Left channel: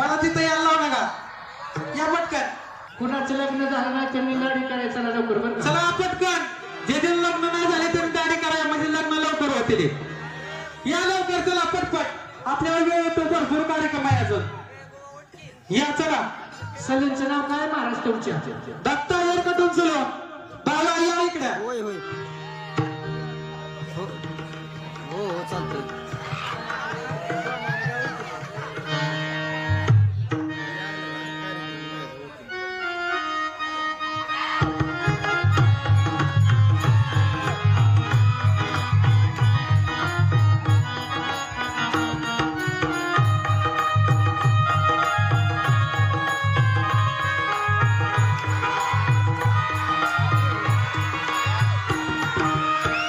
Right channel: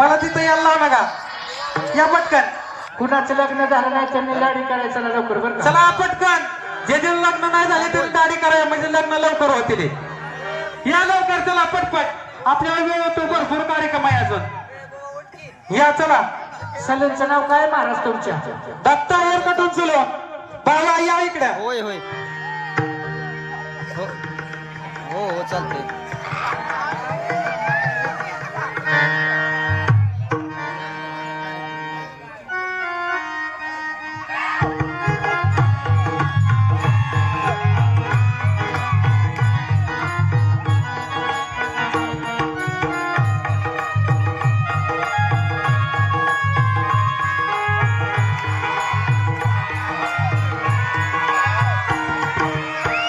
मला तिथं यायला लावू नका. या पटकन. कुणाचं लग्न झालं नाही त्यांनी दाढी करायचं लवकर बरं का. चला पटकन. जे दिन लग्न नाही झाले ते दाढी कराय म्हणजे लग्न लवकर होतील. या लवकर चला पटपट. आपल्याला वेळ होतो भरपूर कार्यक्रम आहे अजून. या चला. सलूनचं नाव काय महाराज तुमच्या? Datta hair cut and salon. बाबा या इकडे. होय होय हो हो हो चालतंय.